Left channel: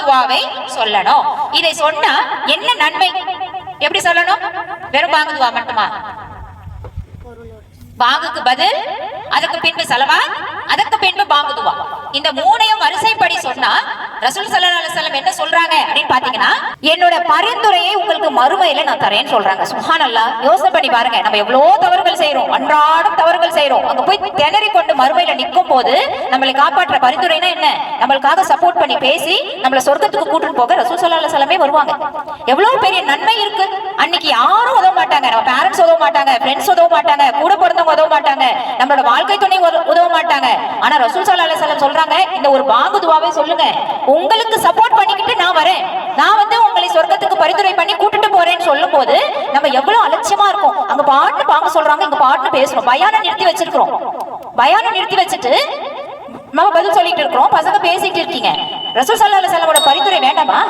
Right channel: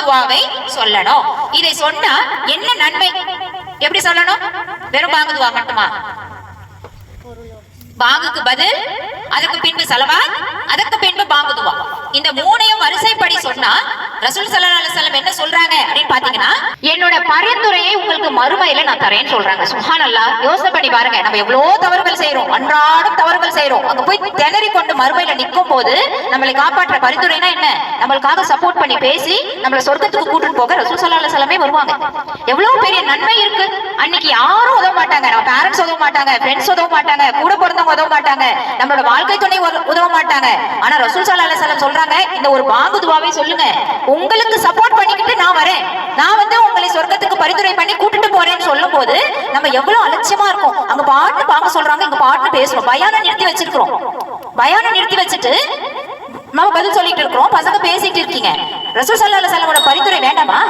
துவாவை சொல்லணும். இதை சொன்னா என்ன நன்மை? எப்படி சொல்லணும்? வெறும் பாங்கு துவா மட்டுமா? பாங்குக்கு பதில், அதற்கு பின்பு ஸலவாத், அதற்கு பின்பு பாங்கு துவா. இந்த மூணையும் வரிசைப்படி சொன்னா ரசூல் ஸல்லல்லாஹு அலைஹி வஸல்லம் என்ன சொல்றாங்க அப்படின்னு பாத்தீங்கன்னா, என்னோட பரிந்துரையை உங்களுக்கு மறுமையில நான் தரேன்னு சொல்றாங்க. சுப்ஹானல்லாஹ். யோசனை பண்ணி பாருங்க, நம்ம எவ்வளவு தவறுகள் செய்யறோம், அன்றாடம் தவறுகள் செய்யறோம். அங்க போய் திணறி கொண்டு மறுமையில நிற்கும் போது நம்மளை காப்பாற்ற பரிந்துரைனா என்ன? நம்மளுக்காக சப்போர்ட் பண்ணி பேசி நம்மள சொர்க்கத்துக்கு கூட்டிட்டு போக ரசூல் ஸல்லல்லாஹு அலைஹி வஸல்லமே வருவாங்க. எவ்வளவு பெரிய நன்மை இருக்கு. அன்னைக்கு யாரும் உதவ மாட்டாங்க, நம்ம பேரண்ட்ஸ் உதவ மாட்டாங்க, ஃப்ரெண்ட்ஸ் உதவ மாட்டாங்க, கூட பிறந்தவங்க உதவ மாட்டாங்க, நம்மளோட வாழ்க்கை துணை உதவ மாட்டாங்க. ஆனா ரசூல் ஸல்லல்லாஹு அலைஹி வஸல்லம் சொல்றாங்க, இந்த ஒரு பாங்கு துவாவை சொல்லுங்க, உங்களுக்கு சப்போர்ட் பண்ணிக்கிட்டு நான் வரேன், நான் வந்து உங்களை சொர்க்கத்துக்கு பரிந்துரை பண்ணி கூட்டிட்டு போறேன்னு சொல்லும் போது நம்ம எவ்வளவு அலட்சியமா இருக்கும். அங்க பாட்டு பாங்க சொல்றாங்க, இங்க பாட்டு பேசுறோம், பயானை நிறுத்தி வச்சிருக்கிறோம். பயானை நிறுத்தி வச்சுட்டு நம்ம பதில் சொல்லிட்டு இருக்கிறோம், பசங்க பேசிட்டு இருக்கீங்க. ரசூல் ஸல்லல்லாஹு அலைஹி வஸல்லமோட பரிந்துரை வேண்டாமா?